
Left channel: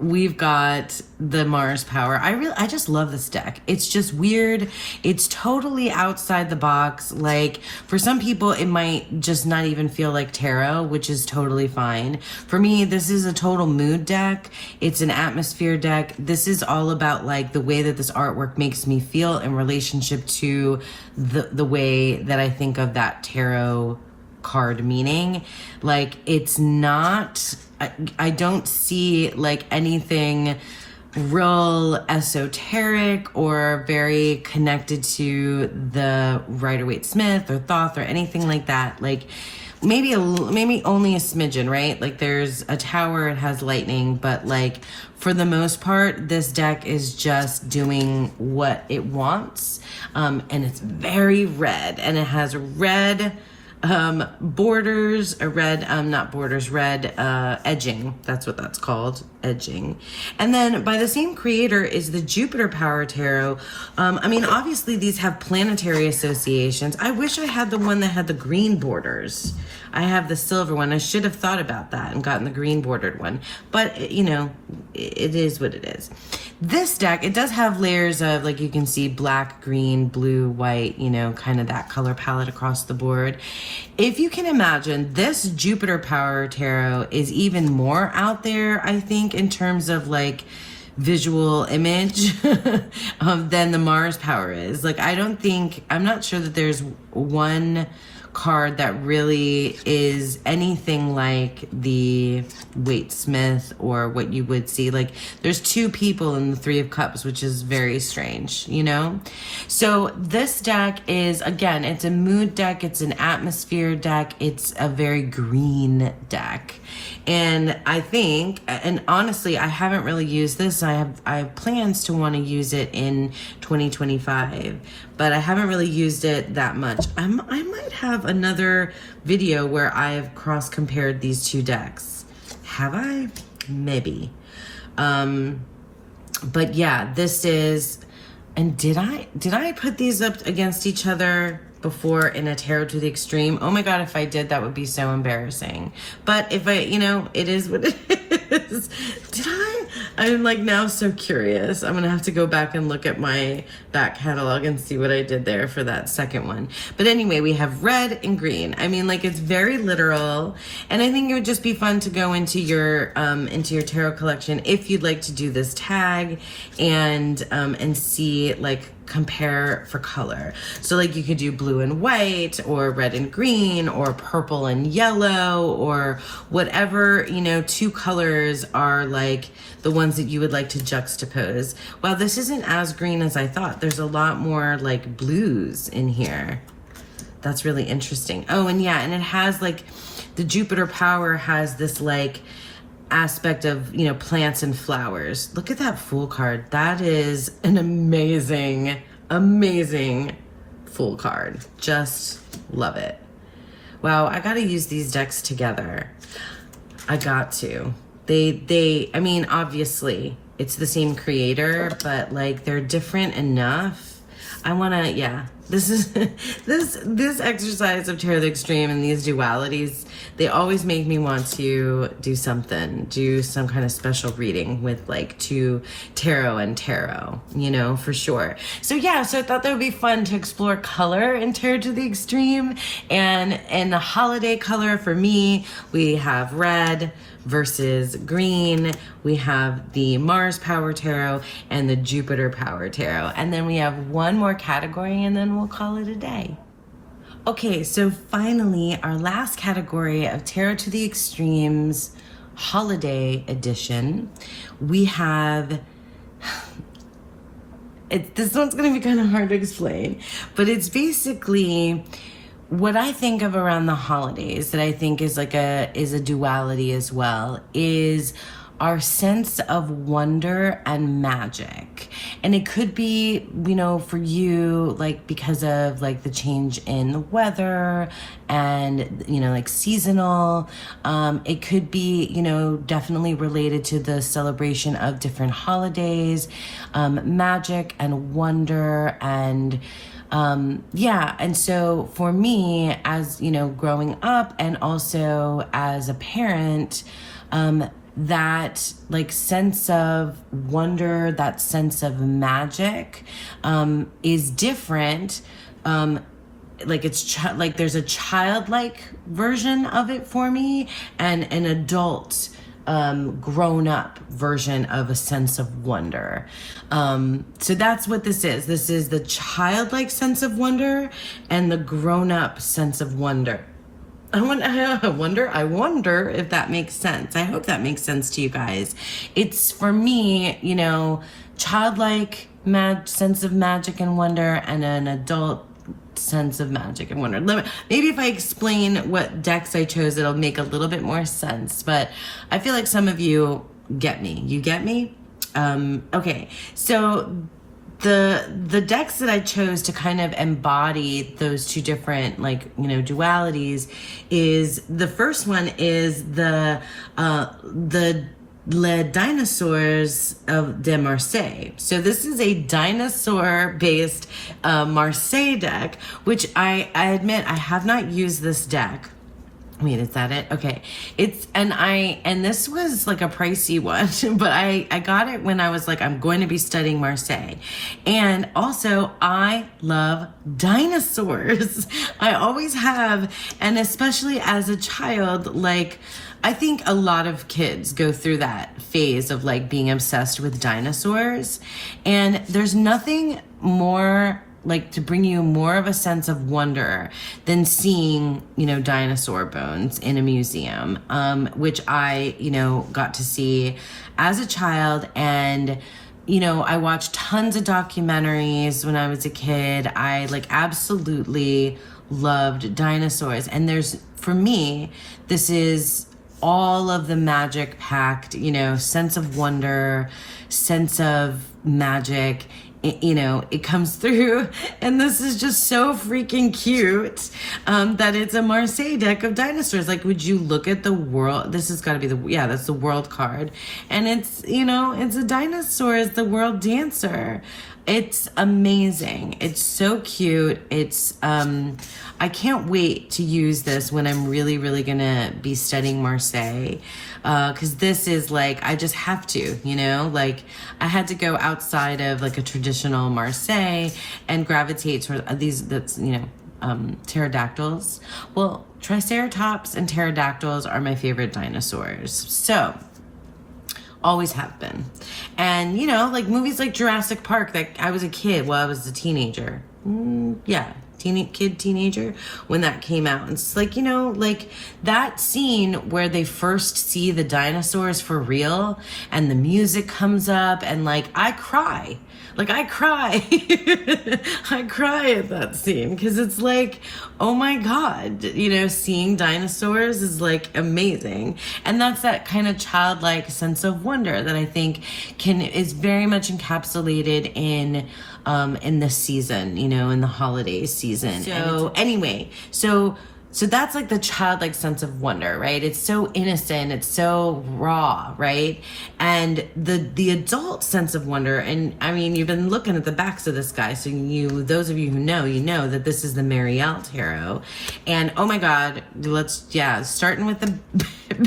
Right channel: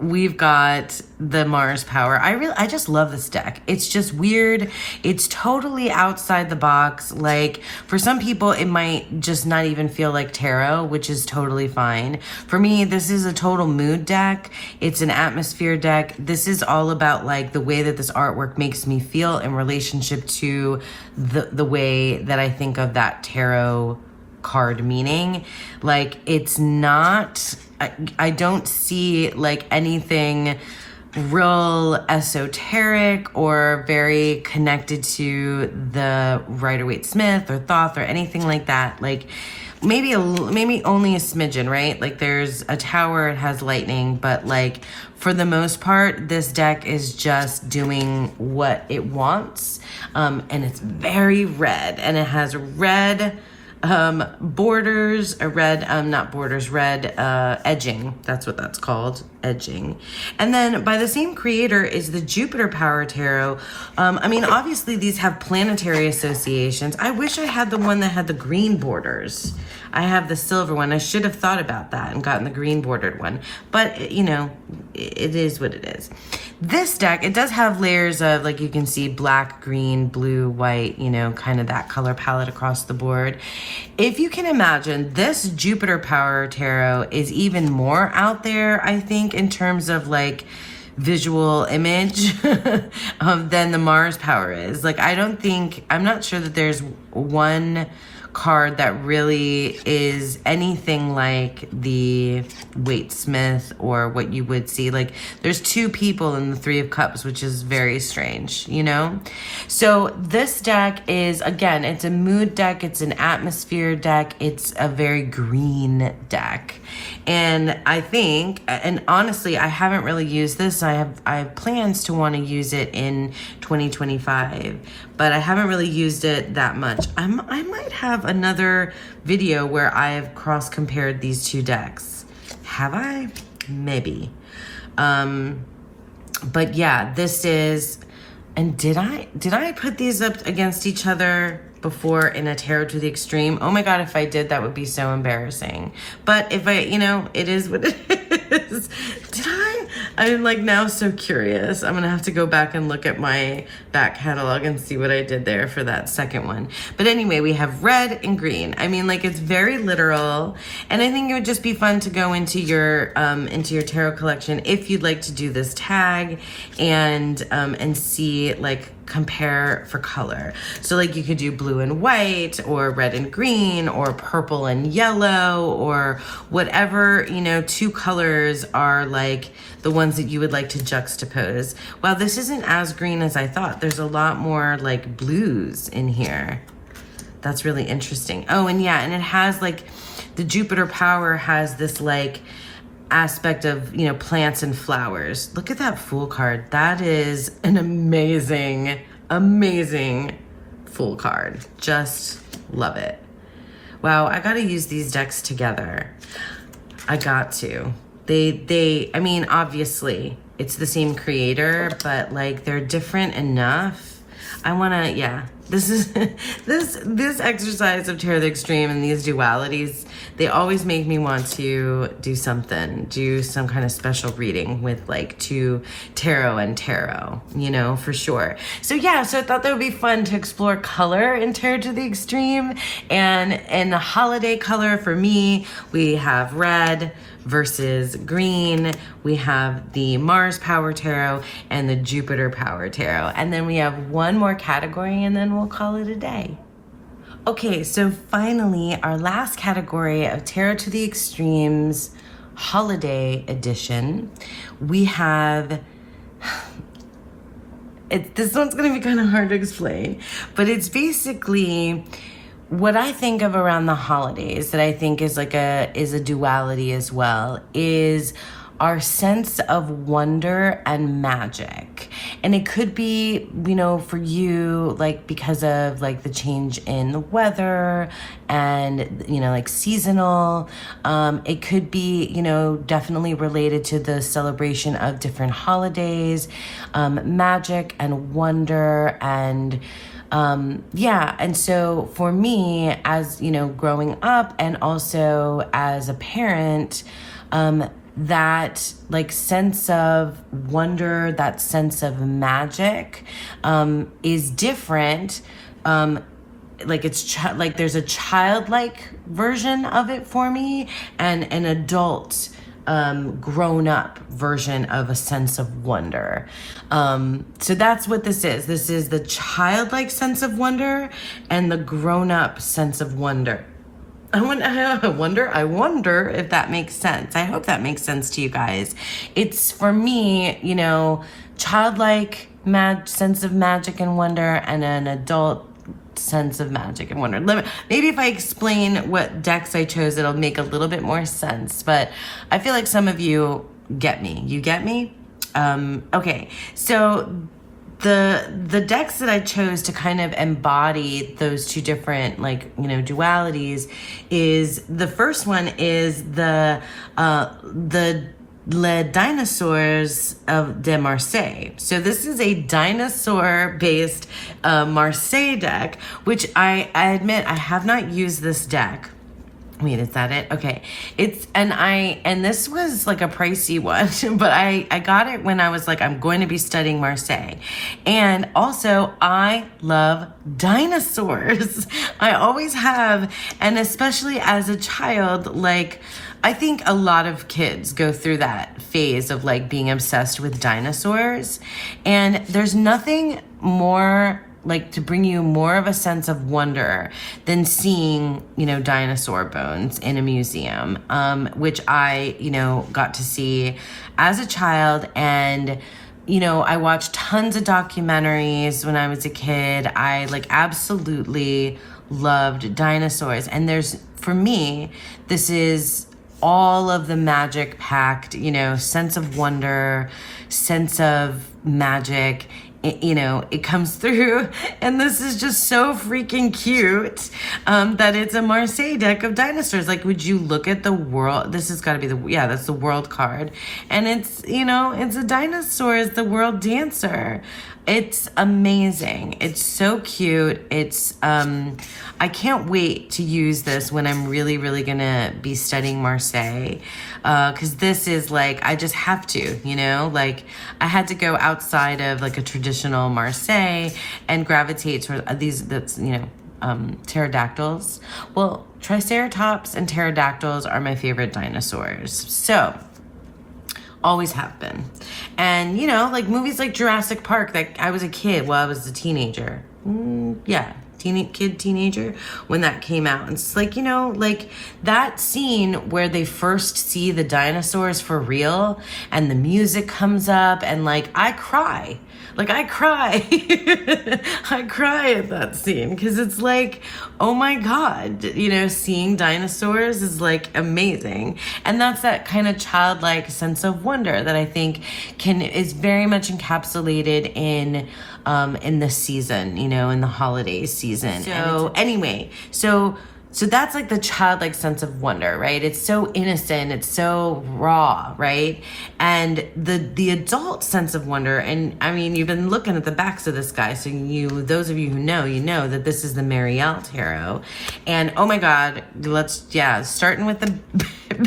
We've got the Mars Power. I just love this deck. It's just weird. It's totally outside the box. Like, for some people, it might just not even feel like tarot, which is totally fine. For me, this is a total mood deck. It's an atmosphere deck. This is all about like the way that this artwork makes me feel in relationship to the way that I think of that tarot card meaning. Like, it's not, I don't see like anything real esoteric or very connected to the Rider-Waite-Smith or Thoth or anything like that. Like, maybe only a smidgen, right? Like, there's a tower, it has lightning, but like for the most part, this deck is just doing what it wants. And it's very red, and it has red borders, red edging. That's what that's called, edging. And then by the same creator is the Jupiter Power Tarot. I mean, obviously these have planetary associations. I wish I had the one that had the green borders. I have the silver one. I should have thought about that and gotten the green bordered one. But, it is what it is. This deck, it does have layers of, like, you can see black, green, blue, white, kind of that color palette across the board. If you can imagine, this Jupiter Power Tarot is even more out there, I think, in terms of, like, visual image than the Mars Power is. Like, I'm not sure that there's one card that really is anything like the Waite-Smith or what you would see. Like, there's two people in the Three of Cups, which is very strange, So this deck is, again, it's a mood deck, it's an atmosphere deck, it's a very green deck. And I think, and honestly, I haven't really used this. I have plans to want to use it in 2025, but I haven't really used it that much. I might have another video where I have cross-compared these two decks. Have I? Maybe. But yeah, this is, and did I put these up against each other before in a Tarot to the Extreme? Oh my God, if I did, that would be so embarrassing. But if I, it is what it is. Did I? I'm like now so curious. I'm gonna have to go back and look at my back catalog and see what I did there for that second one. But anyway, we have red and green. I mean, like, it's very literal. And I think it would just be fun to go into your tarot collection if you'd like to do this tag and see, like, compare for color. So like you could do blue and white or red and green or purple and yellow or whatever, two colors are like the ones that you would like to juxtapose. Well, this isn't as green as I thought. There's a lot more like blues in here. That's really interesting. Oh, and yeah, and it has like the Jupiter Power has this like aspect of, you know, plants and flowers. Look at that Fool card. That is an amazing, amazing Fool card. Just love it. Wow, I gotta use these decks together. I got to. I mean, obviously, it's the same creator, but like they're different enough. I wanna, yeah. This is, this exercise of Tarot the Extreme and these dualities, they always make me want to do some kind of special reading with like tarot and tarot, you know, for sure. So yeah, so I thought that would be fun to explore color in Tarot to the Extreme. And in the holiday color for me, we have red versus green. We have the Mars Power Tarot and the Jupiter Power Tarot. And then we have one more category and then we'll call it a day. Okay, so finally, our last category of Tarot to the Extremes Holiday Edition, we have, this one's gonna be kind of hard to explain, but it's basically what I think of around the holidays that I think is like is a duality as well, is our sense of wonder and magic. And it could be, you know, for you, like because of like the change in the weather and, you know, like seasonal. It could be, you know, definitely related to the celebration of different holidays, magic and wonder and yeah, and so for me, as you know, growing up and also as a parent, that like sense of wonder, that sense of magic, is different. Like it's like there's a childlike version of it for me, and an adult, grown up version of a sense of wonder. So that's what this is. This is the childlike sense of wonder and the grown up sense of wonder. I wonder if that makes sense. I hope that makes sense to you guys. It's for me, you know, childlike sense of magic and wonder and an adult sense of magic and wonder. Maybe if I explain what decks I chose, it'll make a little bit more sense, but I feel like some of you get me. You get me? Okay, so the decks that I chose to kind of embody those two different, like, you know, dualities is, the first one is the Les Dinosaurs of de Marseille. So this is a dinosaur-based Marseille deck, which I admit I have not used this deck. Wait, is that it? Okay. And this was like a pricey one, but I got it when I was like, I'm going to be studying Marseille. And also I love dinosaurs. I always have. And especially as a child, like, I think a lot of kids go through that phase of like being obsessed with dinosaurs. And there's nothing more like to bring you more of a sense of wonder than seeing, you know, dinosaur bones in a museum, which I, you know, got to see as a child. And, you know, I watched tons of documentaries when I was a kid. I like absolutely loved dinosaurs. And for me, this is all of the magic packed, you know, sense of wonder, sense of magic. You know, it comes through, and this is just so freaking cute, that it's a Marseille deck of dinosaurs. Like, would you look at the world? This has got to be that's the world card. And it's, you know, it's a dinosaur is the world dancer. It's amazing. It's so cute. It's, I can't wait to use this when I'm really, really gonna be studying Marseille. Cause this is like, I just have to, you know, like I had to go outside of like a traditional Marseille and gravitate toward these, that's, you know, pterodactyls. Well, triceratops and pterodactyls are my favorite dinosaurs. So, always have been. And, you know, like movies like Jurassic Park, that I was a kid while I was a teenager. Teenager, when that came out. And it's like, you know, like that scene where they first see the dinosaurs for real and the music comes up and like I cry. like I cry. I cry at that scene because it's like, oh my God, you know, seeing dinosaurs is like amazing. And that's that kind of childlike sense of wonder that I think is very much encapsulated in the season, you know, in the holiday season. So anyway, so that's like the childlike sense of wonder, right? It's so innocent, it's so raw, right? And the adult sense of wonder, and I mean, you've been looking at the backs of this guy, so those of you who know, you know that this is the Marielle Tarot. And oh my God, starting with the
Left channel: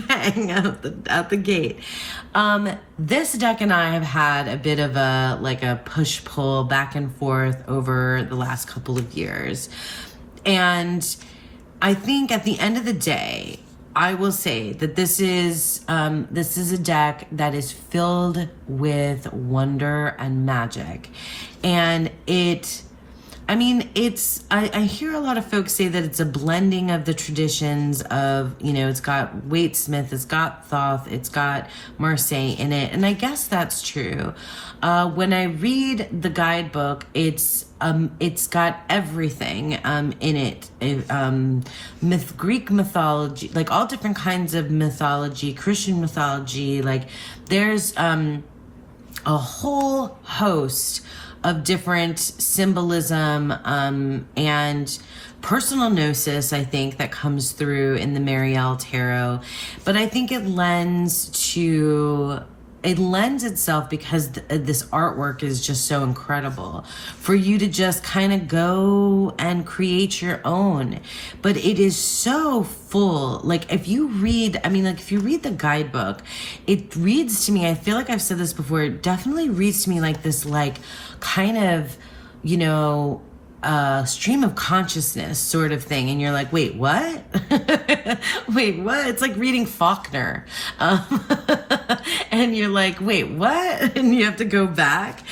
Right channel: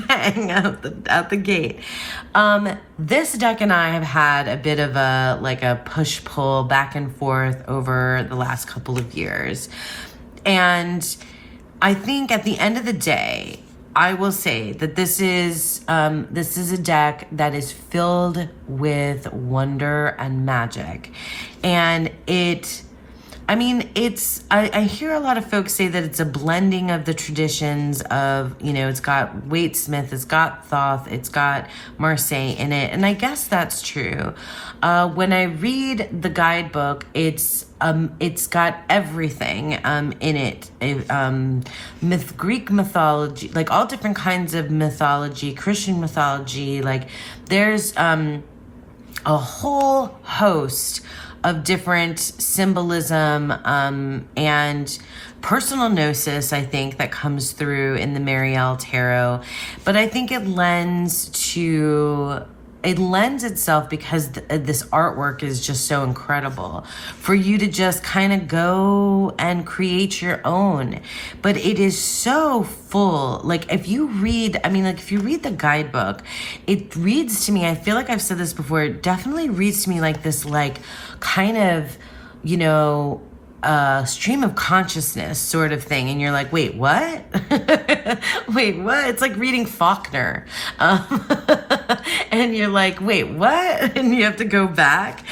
bang out the gate. This deck and I have had a bit of a push-pull back and forth over the last couple of years. And I think at the end of the day, I will say that this is a deck that is filled with wonder and magic. And I hear a lot of folks say that it's a blending of the traditions of, you know, it's got Waite-Smith, it's got Thoth, it's got Marseille in it. And I guess that's true. When I read the guidebook, it's got everything in it. Greek mythology, like all different kinds of mythology, Christian mythology, like there's a whole host of different symbolism and personal gnosis, I think, that comes through in the Marielle Tarot. But I think it lends itself because this artwork is just so incredible for you to just kind of go and create your own. But it is so full. Like if you read the guidebook, it reads to me, I feel like I've said this before, it definitely reads to me like this, like kind of, you know, stream of consciousness sort of thing. And you're like, wait, what? Wait, what? It's like reading Faulkner. And you're like, wait, what? And you have to go back.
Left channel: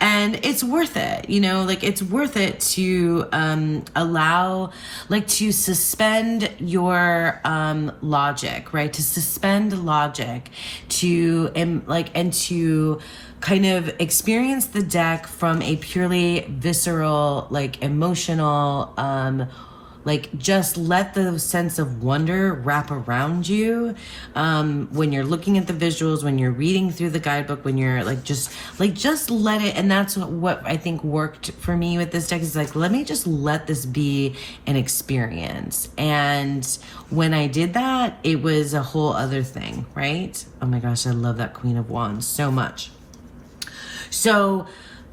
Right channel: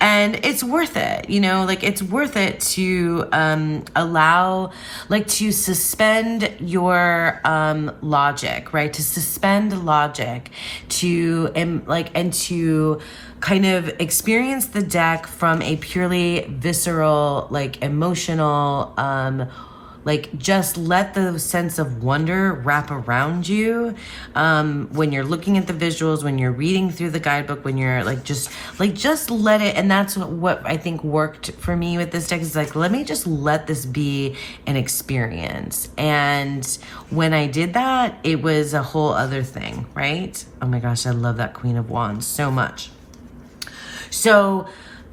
And it's worth it, you know, like it's worth it to to suspend your logic, right? To suspend logic, and to kind of experience the deck from a purely visceral, like emotional, just let the sense of wonder wrap around you when you're looking at the visuals, when you're reading through the guidebook, when you're just let it. And that's what I think worked for me with this deck, is like, let me just let this be an experience. And when I did that, it was a whole other thing, right? Oh my gosh, I love that Queen of Wands so much. So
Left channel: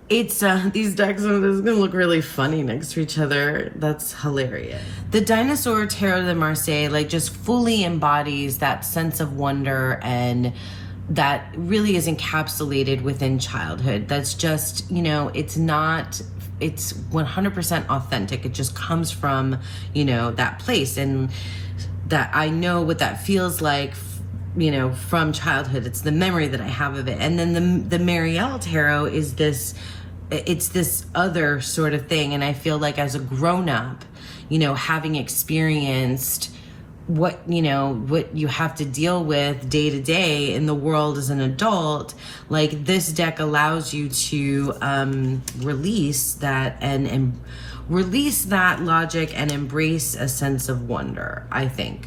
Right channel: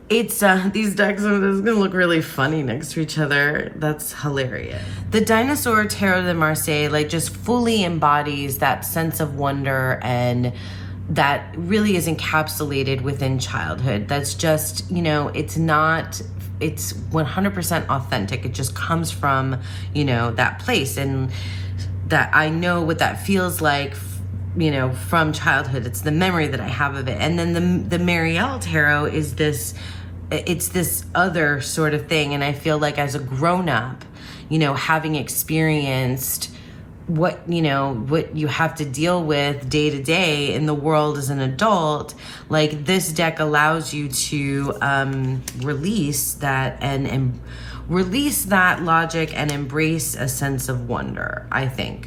it's these decks are gonna look really funny next to each other. That's hilarious. The Dinosaur Tarot de Marseille like just fully embodies that sense of wonder, and that really is encapsulated within childhood. That's just, you know, it's 100% authentic. It just comes from, you know, that place, and that I know what that feels like, you know, from childhood. It's the memory that I have of it. And then the Marielle Tarot is this other sort of thing. And I feel like as a grown-up, you know, having experienced what you have to deal with day to day in the world as an adult, like this deck allows you to release that and release that logic and embrace a sense of wonder, I think.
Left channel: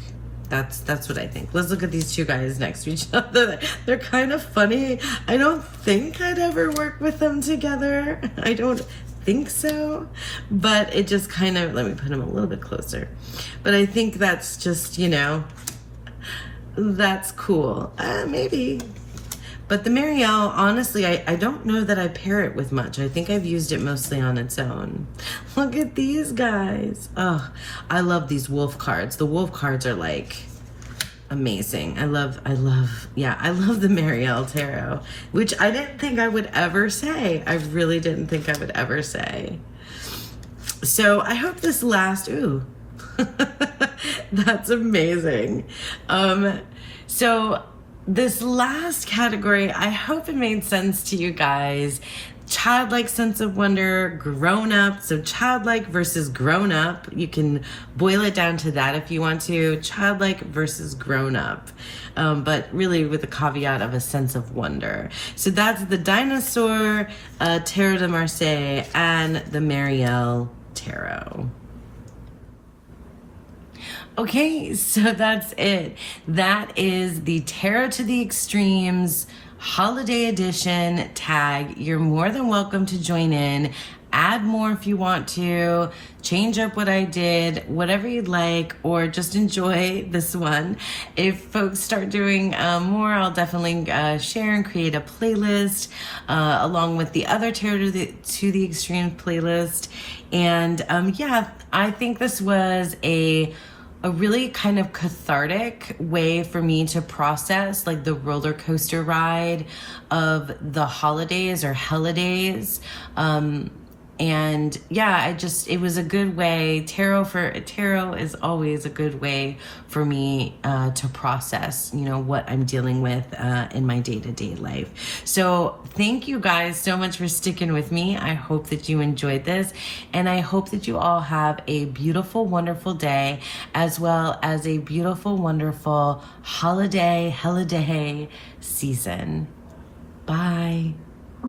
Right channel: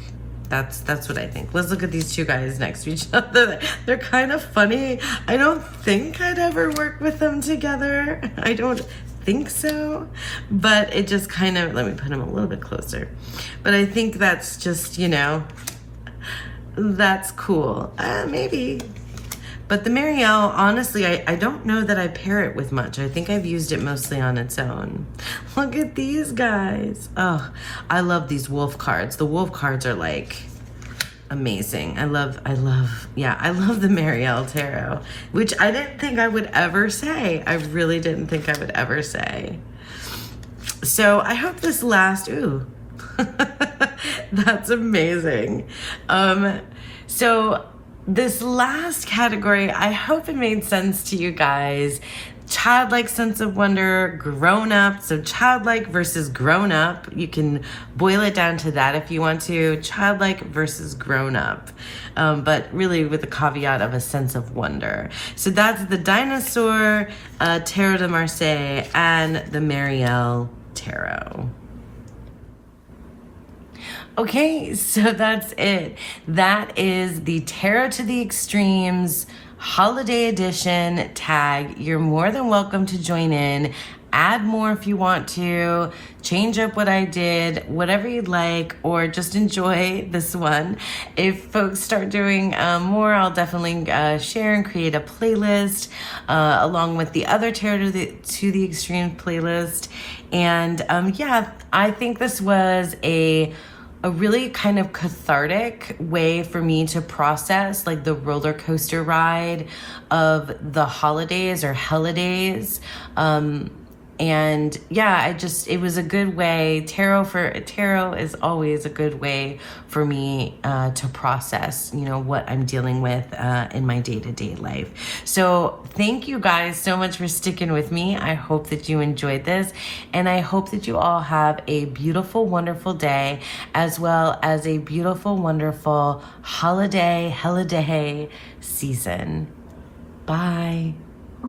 That's what I think. Let's look at these two guys next to each other. They're kind of funny. I don't think I'd ever work with them together. I don't think so. But it just kind of, let me put them a little bit closer. But I think that's just, you know, that's cool. Maybe. But the Marielle, honestly, I don't know that I pair it with much. I think I've used it mostly on its own. Look at these guys. Oh, I love these wolf cards. The wolf cards are like amazing. I love the Marielle Tarot, which I didn't think I would ever say. I really didn't think I would ever say. So I hope this lasts. Ooh, that's amazing. So this last category, I hope it made sense to you guys. Childlike sense of wonder, grown up. So childlike versus grown up. You can boil it down to that if you want to. Childlike versus grown up. But really with the caveat of a sense of wonder. So that's the Dinosaur Tarot de Marseille and the Marielle Tarot. Okay, so that's it. That is the Tarot to the Extremes Holiday Edition tag. You're more than welcome to join in. Add more if you want to. Change up what I did, whatever you'd like, or just enjoy this one. If folks start doing more, I'll definitely share and create a playlist along with the other Tarot to the Extreme playlist. And yeah, I think this was a really kind of cathartic way for me to process like the roller coaster ride of the holidays or holidays. And yeah, it was a good way. Tarot is always a good way for me to process, what I'm dealing with in my day-to-day life. So thank you guys so much for sticking with me. I hope that you enjoyed this, and I hope that you all have a beautiful, wonderful day, as well as a beautiful, wonderful holiday season. Bye.